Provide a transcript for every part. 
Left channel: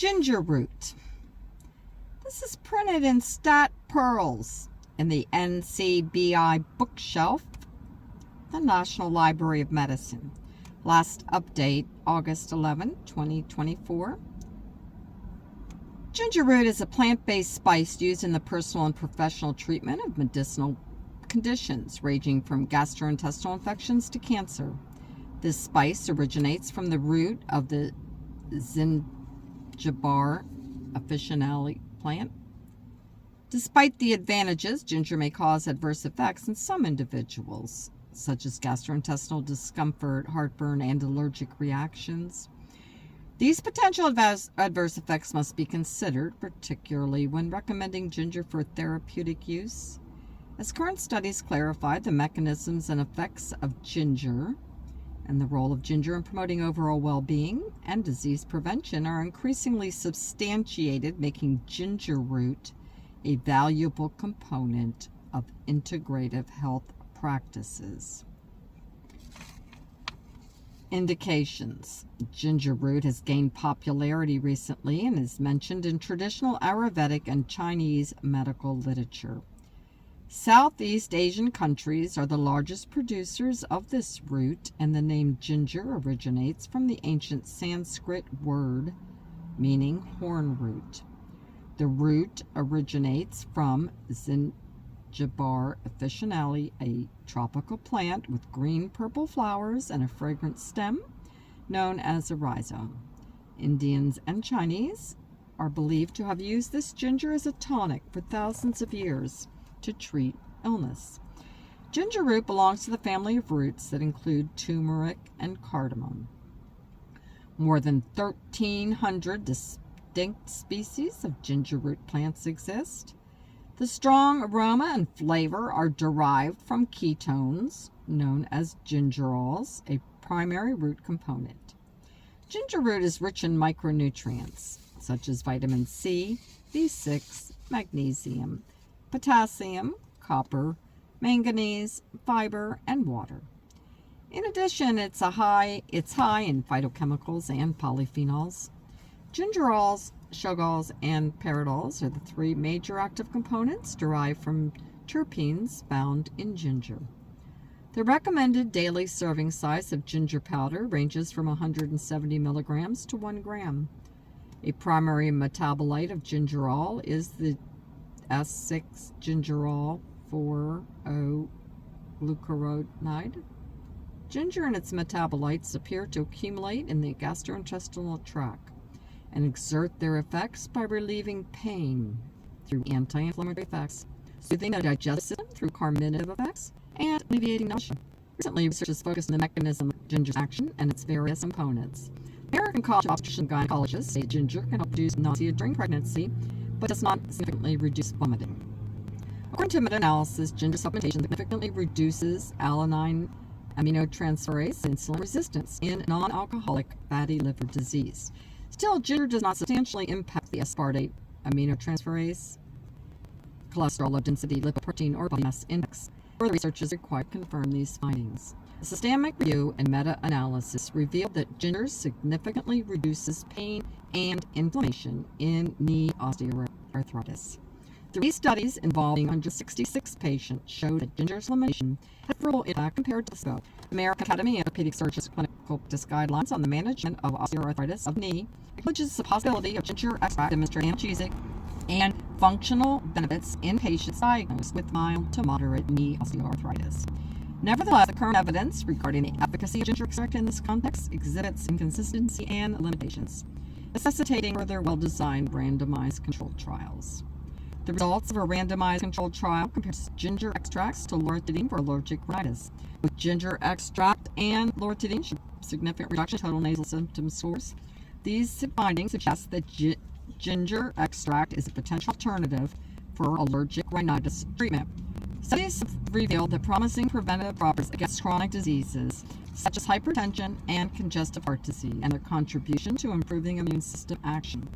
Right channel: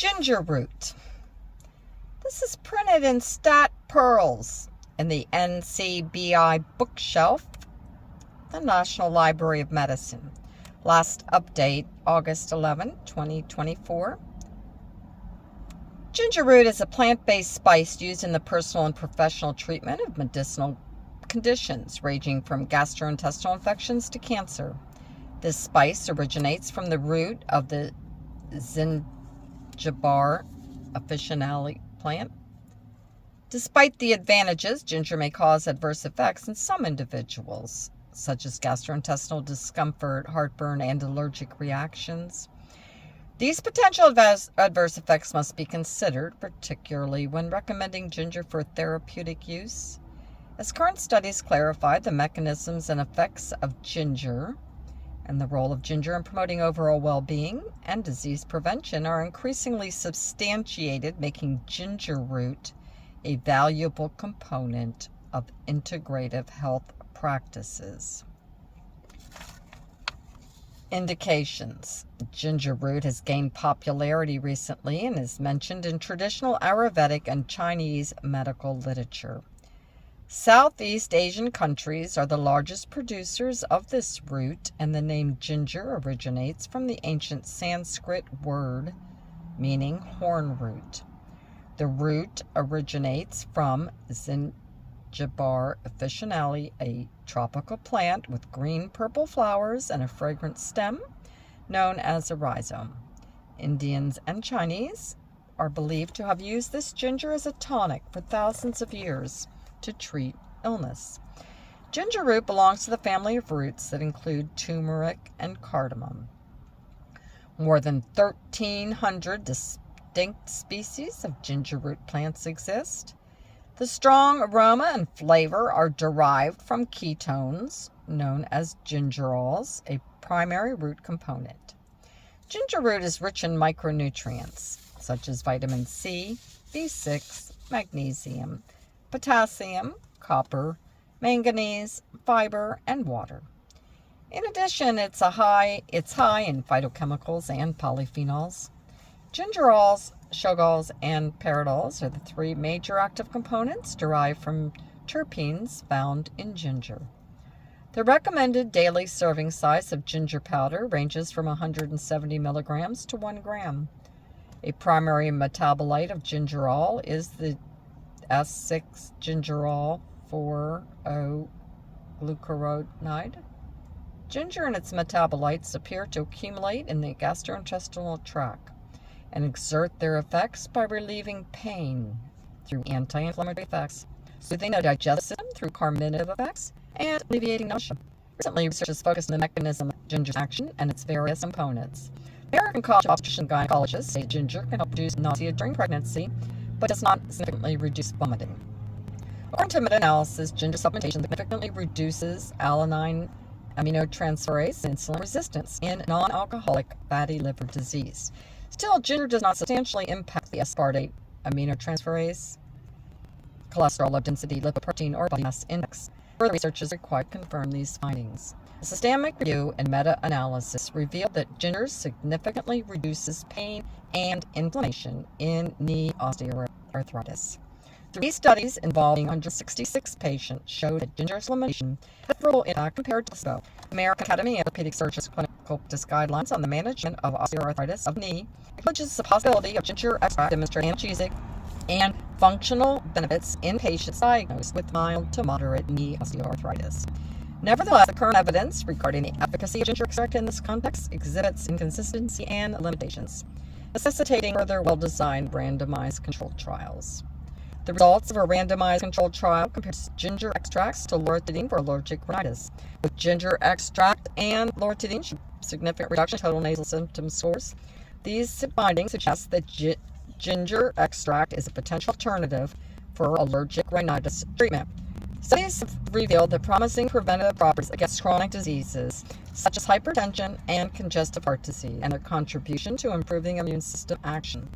Ginger root. This is printed in StatPearls in the NCBI bookshelf, the National Library of Medicine. Last update, August 11, 2024. Ginger root is a plant-based spice used in the personal and professional treatment of medicinal conditions ranging from gastrointestinal infections to cancer. This spice originates from the root of the ncbi officinale plant. Despite the advantages, ginger may cause adverse effects in some individuals, such as gastrointestinal discomfort, heartburn, and allergic reactions. These potential adverse effects must be considered, particularly when recommending ginger for therapeutic use, as current studies clarify the mechanisms and effects of ginger and the role of ginger in promoting overall well-being and disease prevention are increasingly substantiated, making ginger root a valuable component of integrative health practices. Indications. Ginger root has gained popularity recently and is mentioned in traditional Ayurvedic and Chinese medical literature. Southeast Asian countries are the largest producers of this root, and the name ginger originates from the ancient Sanskrit word meaning horn root. The root originates from ncbi officinale, a tropical plant with green-purple flowers and a fragrant stem known as a rhizome. Indians and Chinese are believed to have used this ginger as a tonic for thousands of years to treat illness. Ginger root belongs to the family of roots that include turmeric and cardamom. More than 1,300 distinct species of ginger root plants exist. The strong aroma and flavor are derived from ketones known as gingerols, a primary root component. Ginger root is rich in micronutrients such as vitamin C, B6, magnesium, potassium, copper, manganese, fiber, and water. In addition, it's high in phytochemicals and polyphenols. Gingerols, shogols, and pyridols are the three major active components derived from terpenes found in ginger. The recommended daily serving size of ginger powder ranges from 170 milligrams to 1 gram. A primary metabolite of gingerol is the S6-gingerol 4-O-glucuronide. Ginger and its metabolites appear to accumulate in the gastrointestinal tract and exert their effects by relieving pain through anti-inflammatory effects, soothing the digestive system through carminative effects, and alleviating nausea. Recently, research has focused on the mechanism of ginger's action and its various components. American College of Obstetricians and Gynecologists say ginger can help reduce nausea during pregnancy, but does not significantly reduce vomiting. According to meta-analysis, ginger supplementation significantly reduces alanine aminotransferase and insulin resistance in non-alcoholic fatty liver disease. Still, ginger does not substantially impact the aspartate aminotransferase, cholesterol low density, lipoprotein, or body mass index. Further research is required to confirm these findings. A systemic review and meta-analysis revealed that ginger significantly reduces pain and inflammation in knee osteoarthritis. 3 studies involving 166 patients showed that ginger supplementation had a favorable impact compared to placebo. American Academy of Orthopedic Surgeons Clinical Practice Guidelines on the Management of Osteoarthritis of Knee acknowledges the possibility of ginger extract demonstrating analgesic and functional benefits in patients diagnosed with mild to moderate knee osteoarthritis. Nevertheless, the current evidence regarding the efficacy of ginger extract in this context exhibits inconsistency and limitations, necessitating further well-designed randomized controlled trials. The results of a randomized controlled trial compares ginger extracts to loratadine for allergic rhinitis. With ginger extract and loratadine showed significant reduction in total nasal symptom scores. These findings suggest that ginger extract is a potential alternative for allergic rhinitis treatment. Studies have revealed the promising preventative properties against chronic diseases such as hypertension and congestive heart disease, and their contribution to improving immune system action.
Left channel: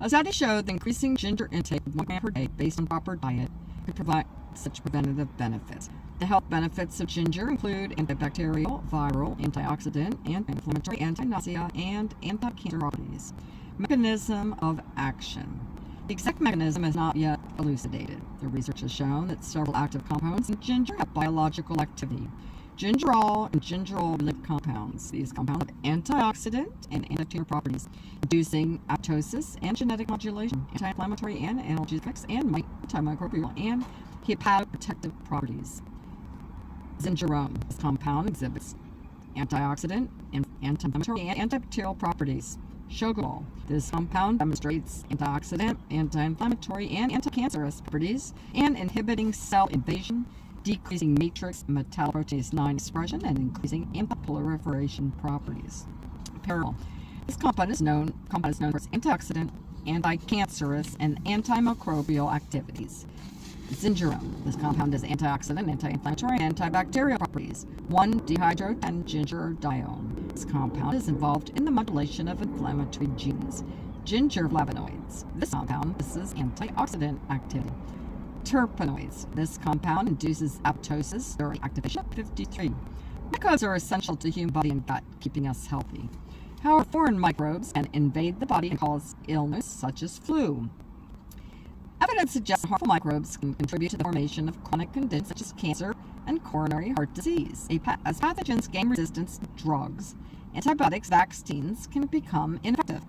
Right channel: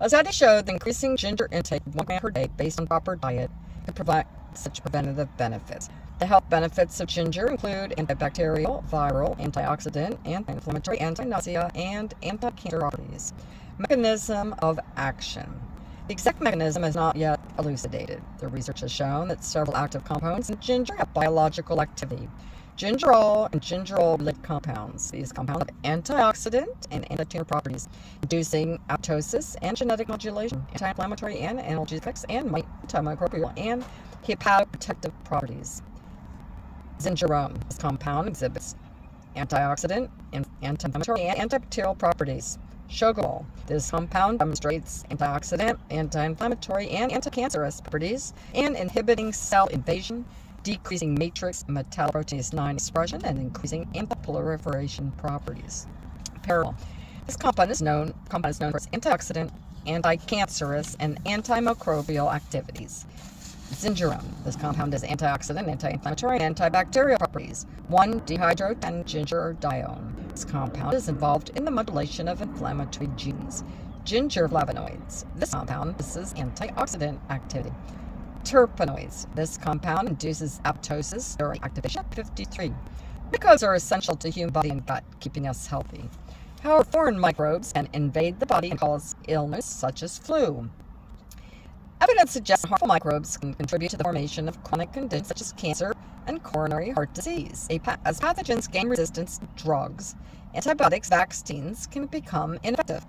A study showed that increasing ginger intake 1 gram per day based on proper diet could provide such preventative benefits. The health benefits of ginger include antibacterial, viral, antioxidant, anti-inflammatory, anti-nausea, and anti-cancer properties. Mechanism of action. The exact mechanism is not yet elucidated. The research has shown that several active compounds in ginger have biological activity. Gingerol and gingerol-related compounds. These compounds have antioxidant and anti-tumor properties, inducing apoptosis and genetic modulation, anti-inflammatory and analgesics, and antimicrobial and hepatoprotective properties. Zingerone. This compound exhibits antioxidant, anti-inflammatory, and antibacterial properties. Sugarol. This compound demonstrates antioxidant, anti-inflammatory, and anti-cancerous properties, and inhibiting cell invasion, decreasing matrix metalloproteinase 9 expression, and increasing anti-proliferation properties. Peril. This compound is known for its antioxidant, anti-cancerous, and antimicrobial activities. Zingerone. This compound has antioxidant, anti-inflammatory, and antibacterial properties. 1-dehydrotengingerdione. This compound is involved in the modulation of inflammatory genes. Ginger flavonoids. This compound possesses antioxidant activity. Terpenoids. This compound induces apoptosis during activation of 53. Microbes are essential to human body and gut, keeping us healthy. However, foreign microbes can invade the body and cause illness such as flu. Evidence suggests harmful microbes can contribute to the formation of chronic conditions such as cancer and coronary heart disease. As pathogens gain resistance to drugs, antibiotics, vaccines can become ineffective.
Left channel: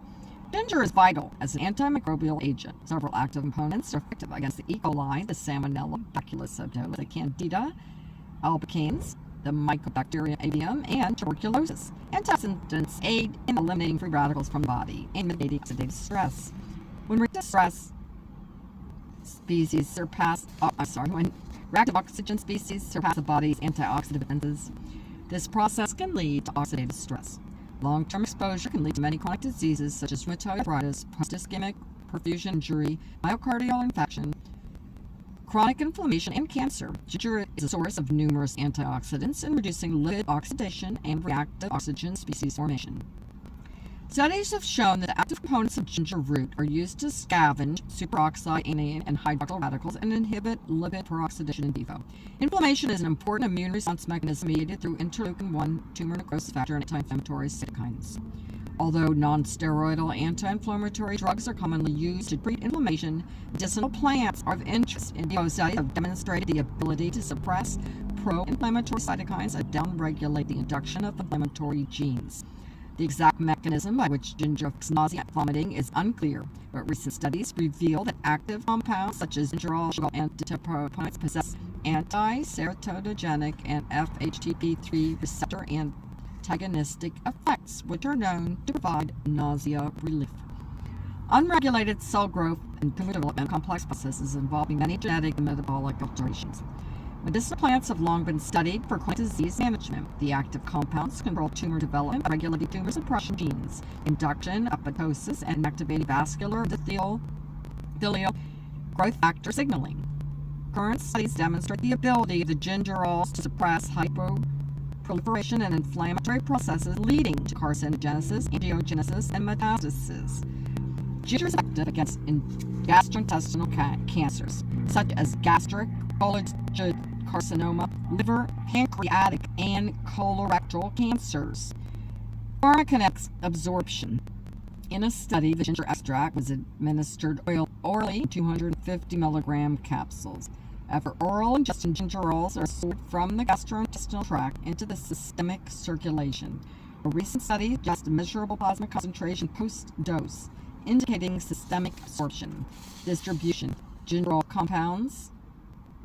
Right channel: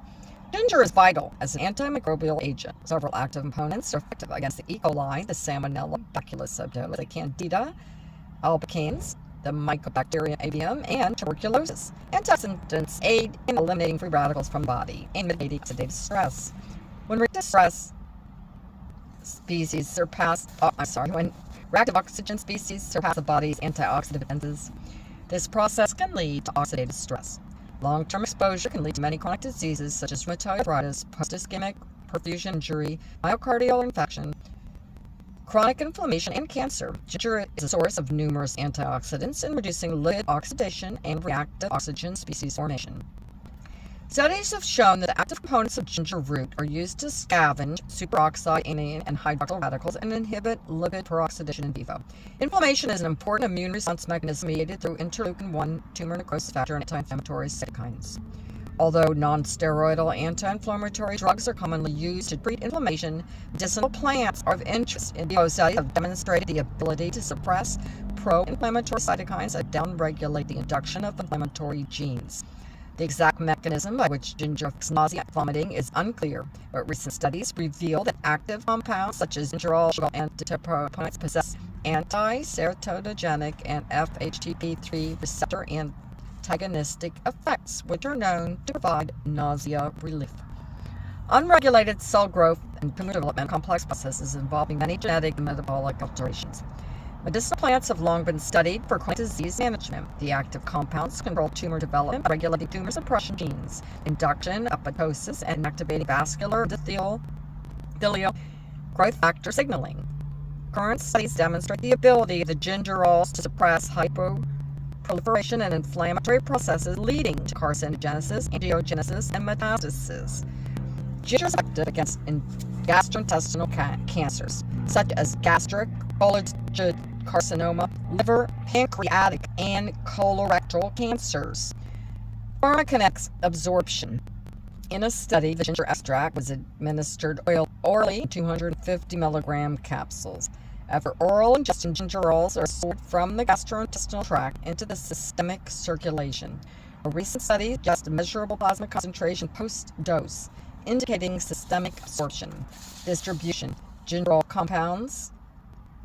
Ginger is vital as an antimicrobial agent. Several active components are effective against the E. coli, the Salmonella, Bacillus subtilis, the Candida albicans, the Mycobacterium avium, and tuberculosis. Antioxidants aid in eliminating free radicals from the body and mitigating oxidative stress. When reactive oxygen species surpass the body's antioxidant defenses, this process can lead to oxidative stress. Long-term exposure can lead to many chronic diseases such as rheumatoid arthritis, post-ischemic perfusion injury, myocardial infarction, chronic inflammation, and cancer. Ginger is a source of numerous antioxidants in reducing lipid oxidation and reactive oxygen species formation. Studies have shown that the active components of ginger root are used to scavenge superoxide anion and hydroxyl radicals and inhibit lipid peroxidation in vivo. Inflammation is an important immune response mechanism mediated through interleukin-1 tumor necrosis factor and anti-inflammatory cytokines. Although non-steroidal anti-inflammatory drugs are commonly used to treat inflammation, medicinal plants are of interest. In vivo studies have demonstrated the ability to suppress pro-inflammatory cytokines that downregulate the induction of inflammatory genes. The exact mechanism by which ginger affects nausea and vomiting is unclear, but recent studies reveal that active compounds such as gingerol and terpenoids possess anti-serotogenic and FHTP3 receptor antagonistic effects, which are known to provide nausea relief. Unregulated cell growth and tumor development are complex processes involving many genetic and metabolic alterations. Medicinal plants have long been studied for chronic disease management. The active compounds control tumor development by regulating tumor suppression genes, induction, apoptosis, and activating vascular endothelial growth factor signaling. Current studies demonstrate the ability of the gingerols to suppress hyperproliferation and inflammatory processes leading to carcinogenesis, angiogenesis, and metastasis. Ginger is active against gastrointestinal cancers, such as gastric, cholangiocarcinoma, liver, pancreatic, and colorectal cancers. Pharmacokinetic absorption. In a study, the ginger extract was administered orally in 250 milligram capsules. After oral ingestion, gingerols are absorbed from the gastrointestinal tract into the systemic circulation. A recent study suggests a measurable plasma concentration post-dose, indicating systemic absorption. Distribution. Gingerol compounds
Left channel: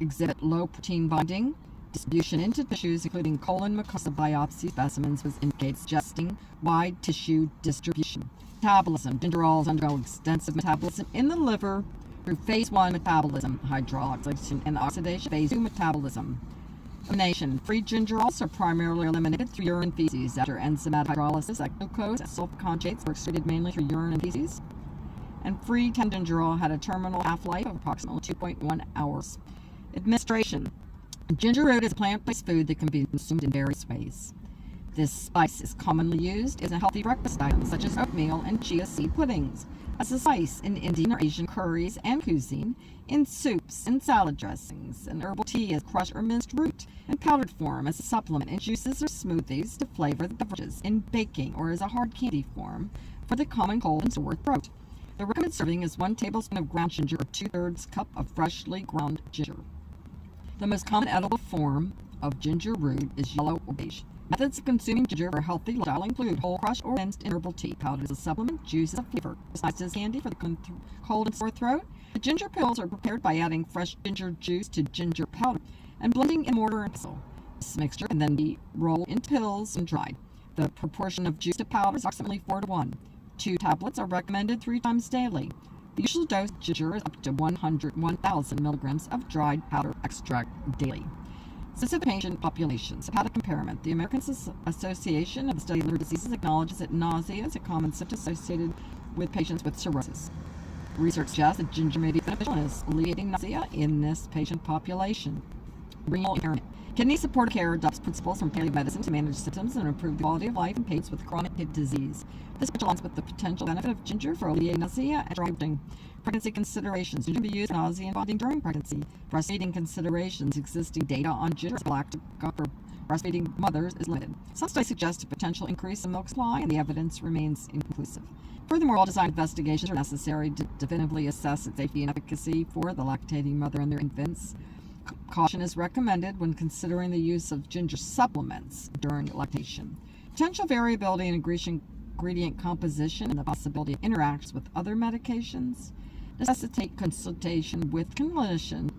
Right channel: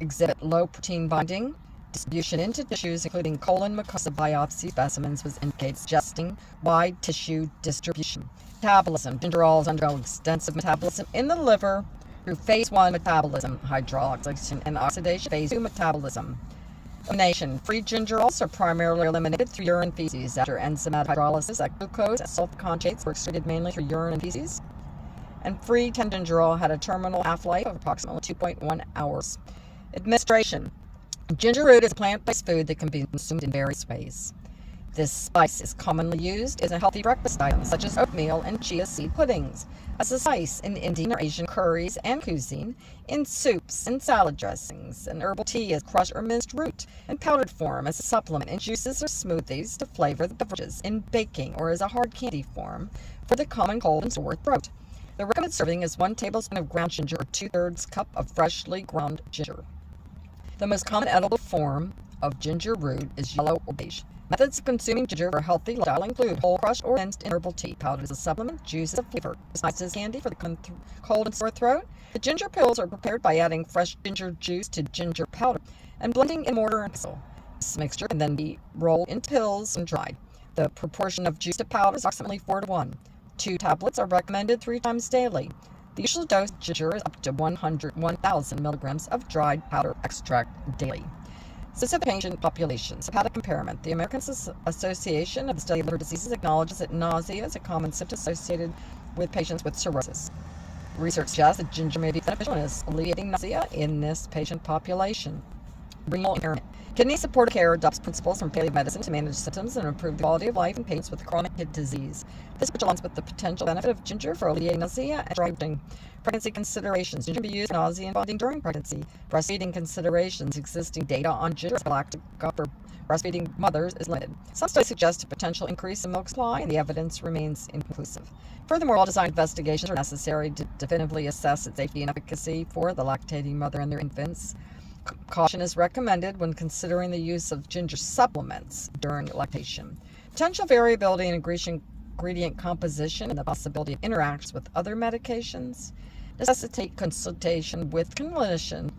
exhibit low protein binding. Distribution into tissues, including colon mucosa biopsy specimens, was indicated, suggesting wide tissue distribution. Metabolism. Gingerols undergo extensive metabolism in the liver through phase 1 metabolism, hydroxylation, and oxidation, phase 2 metabolism. Elimination. Free gingerols are primarily eliminated through urine feces. After enzymatic hydrolysis, glucose and sulfur conjugates were excreted mainly through urine and feces. And free gingerol had a terminal half-life of approximately 2.1 hours. Administration. Ginger root is a plant-based food that can be consumed in various ways. This spice is commonly used as a healthy breakfast item, such as oatmeal and chia seed puddings, as a spice in Indian or Asian curries and cuisine, in soups and salad dressings, and herbal tea as crushed or minced root, in powdered form as a supplement in juices or smoothies to flavor the beverages, in baking or as a hard candy form for the common cold and sore throat. The recommended serving is 1 tablespoon of ground ginger or 2/3 cup of freshly ground ginger. The most common edible form of ginger root is yellow or beige. Methods of consuming ginger for a healthy lifestyle include whole crushed or rinsed in herbal tea. Powdered as a supplement, juice as a flavor. Besides as candy for the cold and sore throat, the ginger pills are prepared by adding fresh ginger juice to ginger powder and blending in mortar and pestle. This mixture can then be rolled into pills and dried. The proportion of juice to powder is approximately 4:1. 2 tablets are recommended 3 times daily. The usual dose of ginger is up to 1,000 milligrams of dried powder extract daily. Specific patient populations. Hepatic impairment. The American Association of the Study of Liver Diseases acknowledges that nausea is a common symptom associated with patients with cirrhosis. Research suggests that ginger may be beneficial in alleviating nausea in this patient population. Renal impairment. Kidney supportive care adopts principles from palliative medicine to manage symptoms and improve the quality of life in patients with chronic kidney disease. This aligns with the potential benefit of ginger for alleviating nausea and driving. Pregnancy considerations. Ginger can be used in nausea and vomiting during pregnancy. Breastfeeding considerations. Existing data on ginger galactic for breastfeeding mothers is limited. Some studies suggest a potential increase in milk supply, and the evidence remains inconclusive. Furthermore, well-designed investigations are necessary to definitively assess its safety and efficacy for the lactating mother and their infants. Caution is recommended when considering the use of ginger supplements during lactation. Potential variability in ingredient composition and the possibility of interactions with other medications necessitate consultation with clinician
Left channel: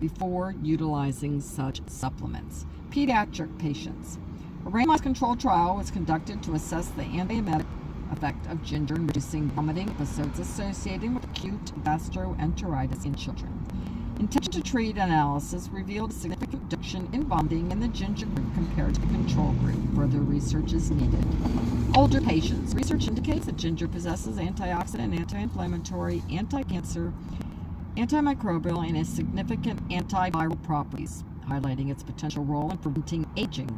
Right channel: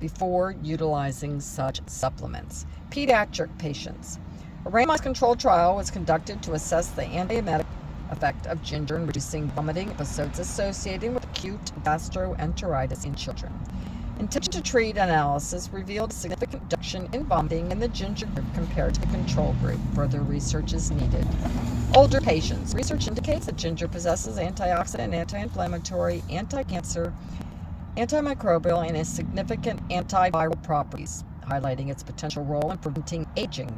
before utilizing such supplements. Pediatric patients. A randomized controlled trial was conducted to assess the antiemetic effect of ginger in reducing vomiting episodes associated with acute gastroenteritis in children. Intention to treat analysis revealed a significant reduction in vomiting in the ginger group compared to the control group. Further research is needed. Older patients. Research indicates that ginger possesses antioxidant, anti-inflammatory, anti-cancer, antimicrobial, and significant antiviral properties, highlighting its potential role in preventing aging.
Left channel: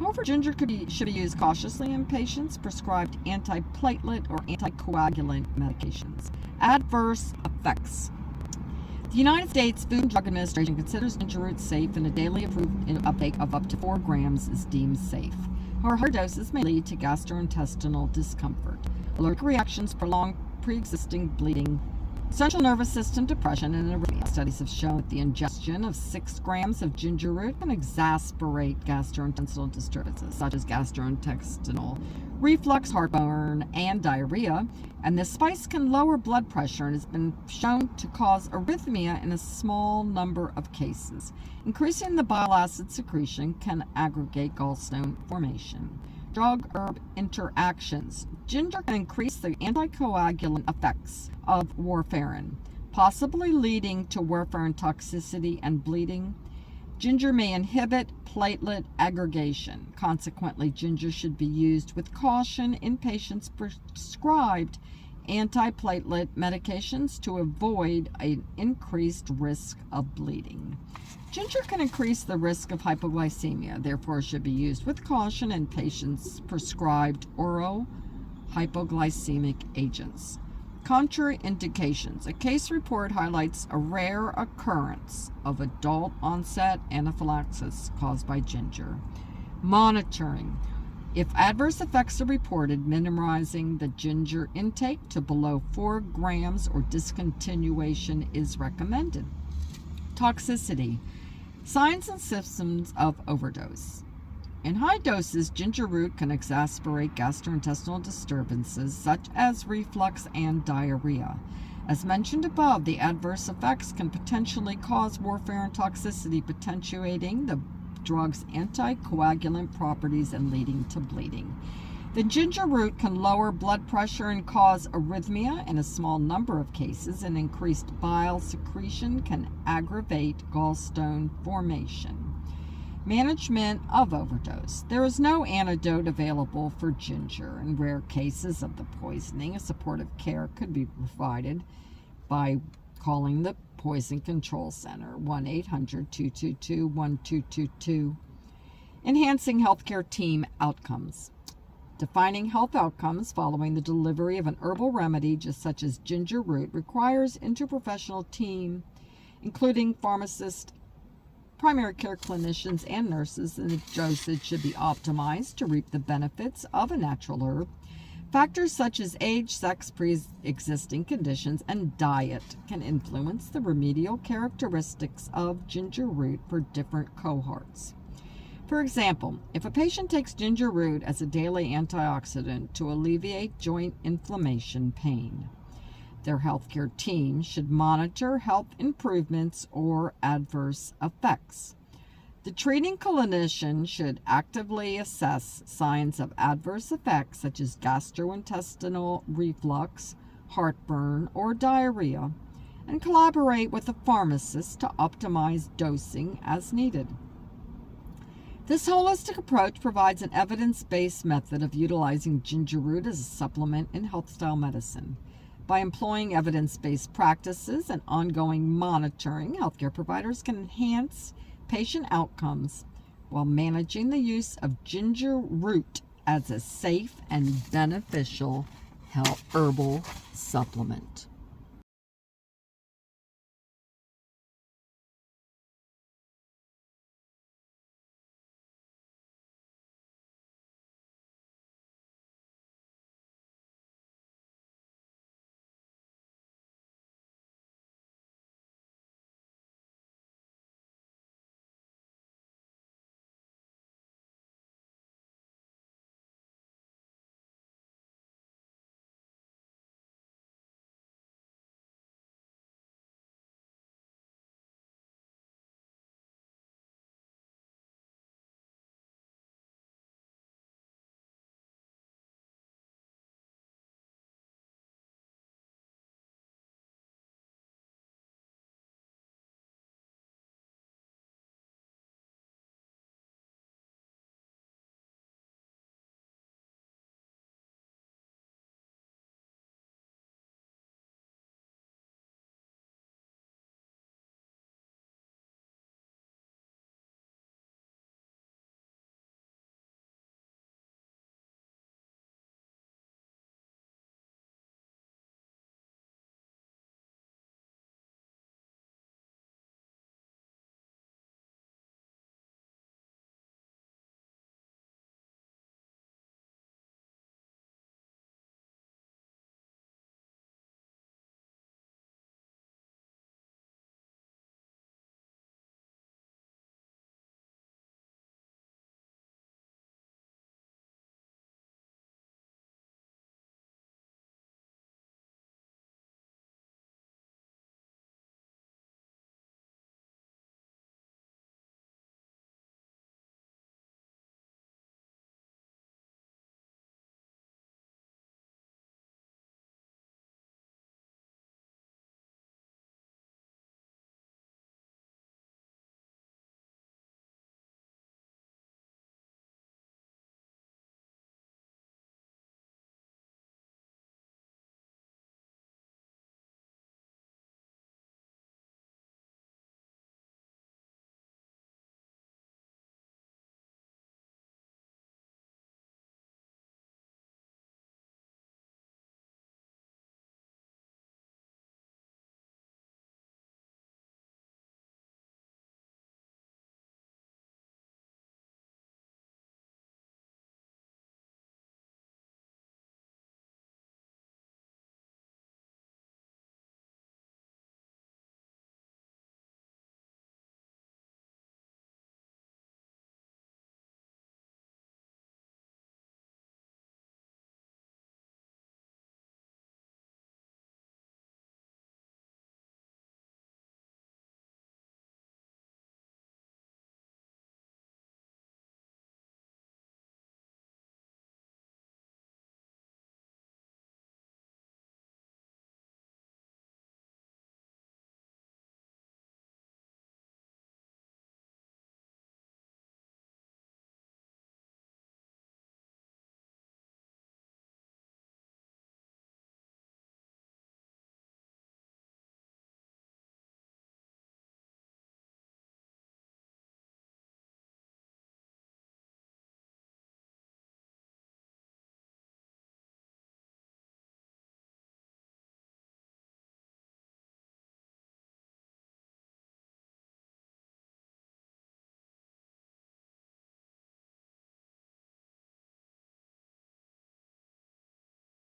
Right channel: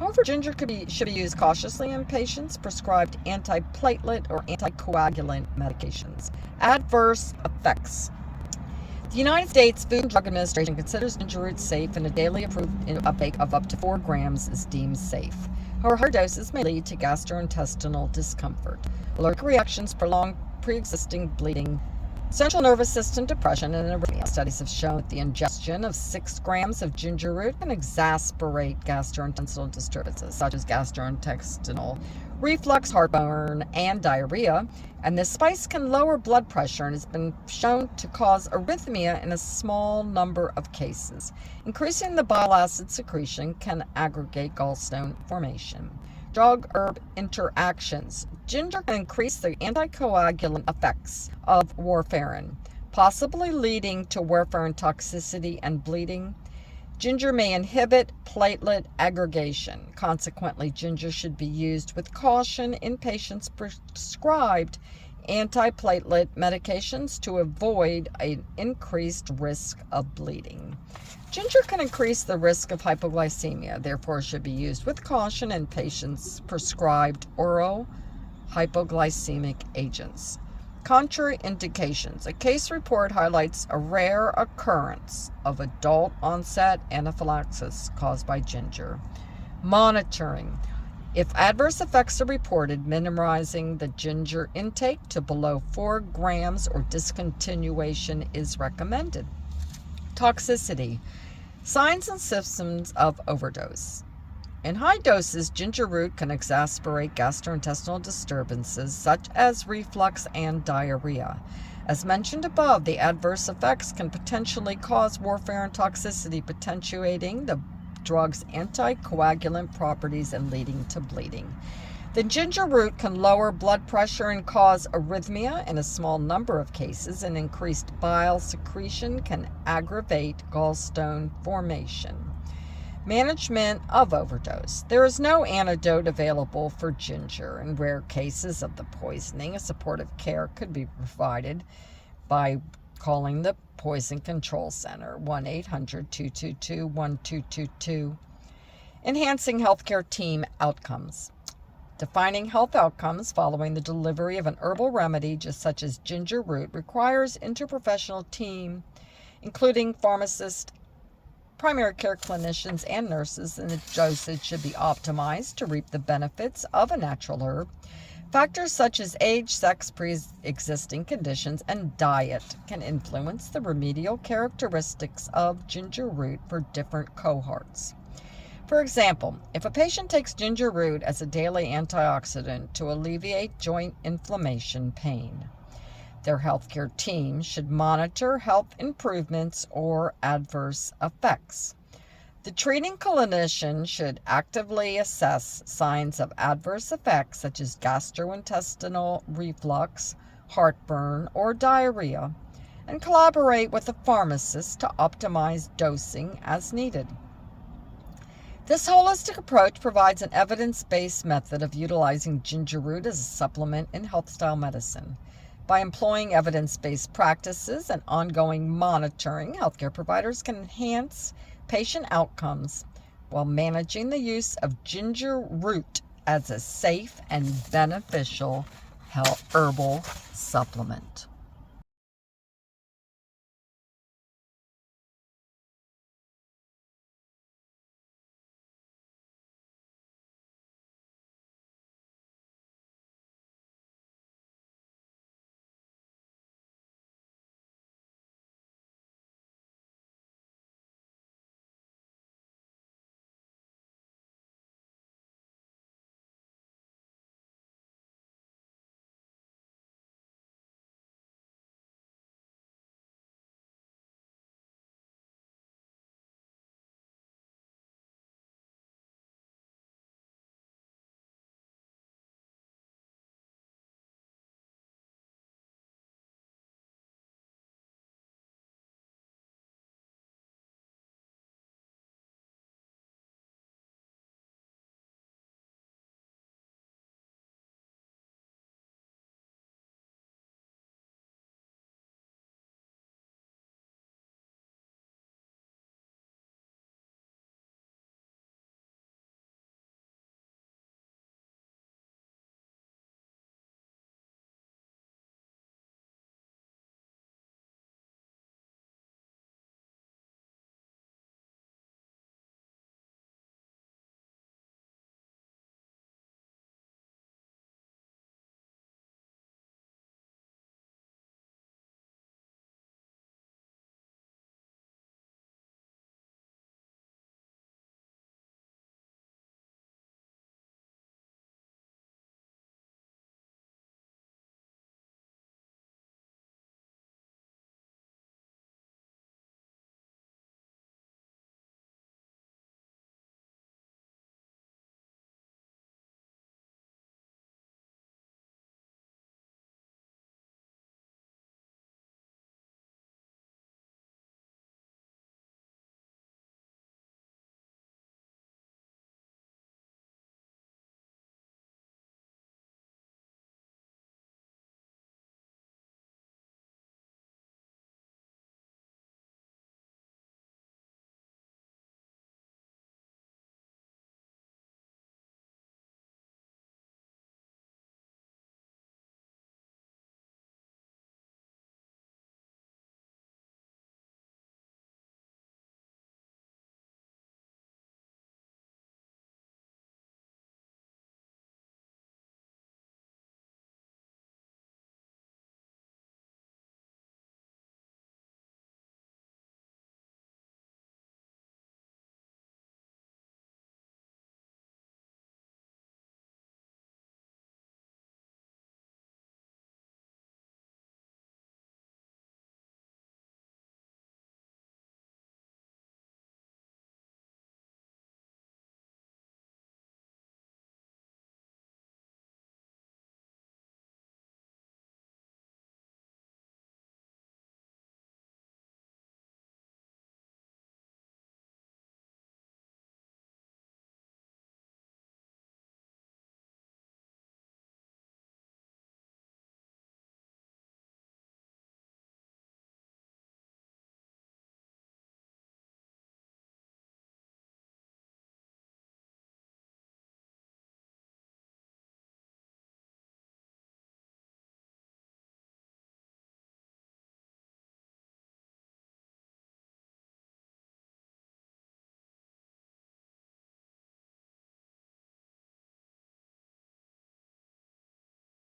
However, ginger should be used cautiously in patients prescribed antiplatelet or anticoagulant medications. Adverse effects. The United States Food and Drug Administration considers ginger root safe, and a daily approved uptake of up to 4 grams is deemed safe. However, higher doses may lead to gastrointestinal discomfort, allergic reactions, prolonged pre-existing bleeding, central nervous system depression, and arrhythmia. Studies have shown that the ingestion of 6 grams of ginger root can exacerbate gastrointestinal disturbances such as gastrointestinal reflux, heartburn, and diarrhea, and this spice can lower blood pressure and has been shown to cause arrhythmia in a small number of cases. Increasing the bile acid secretion can aggravate gallstone formation. Drug-herb interactions. Ginger can increase the anticoagulant effects of warfarin, possibly leading to warfarin toxicity and bleeding. Ginger may inhibit platelet aggregation. Consequently, ginger should be used with caution in patients prescribed antiplatelet medications to avoid an increased risk of bleeding. Ginger can increase the risk of hypoglycemia, therefore should be used with caution in patients prescribed oral hypoglycemic agents. Contraindications. A case report highlights a rare occurrence of adult onset anaphylaxis caused by ginger. Monitoring. If adverse effects are reported, minimizing the ginger intake to below 4 grams or discontinuation is recommended. Toxicity. Signs and symptoms of overdose. In high doses, ginger root can exacerbate gastrointestinal disturbances such as reflux and diarrhea. As mentioned above, the adverse effects can potentially cause warfarin toxicity, potentiating the drug's anticoagulant properties and leading to bleeding. The ginger root can lower blood pressure and cause arrhythmia in a small number of cases, and increased bile secretion can aggravate gallstone formation. Management of overdose. There is no antidote available for ginger. In rare cases of the poisoning, a supportive care could be provided by calling the Poison Control Center, 1-800-222-1222. Enhancing healthcare team outcomes. Defining health outcomes following the delivery of an herbal remedy such as ginger root requires interprofessional team, including pharmacists, primary care clinicians, and nurses, and the dosage should be optimized to reap the benefits of a natural herb. Factors such as age, sex, pre-existing conditions, and diet can influence the remedial characteristics of ginger root for different cohorts. For example, if a patient takes ginger root as a daily antioxidant to alleviate joint inflammation pain, their healthcare team should monitor health improvements or adverse effects. The treating clinician should actively assess signs of adverse effects such as gastrointestinal reflux, heartburn, or diarrhea, and collaborate with the pharmacist to optimize dosing as needed. This holistic approach provides an evidence-based method of utilizing ginger root as a supplement in health-style medicine. By employing evidence-based practices and ongoing monitoring, healthcare providers can enhance patient outcomes while managing the use of ginger root as a safe and beneficial herbal supplement.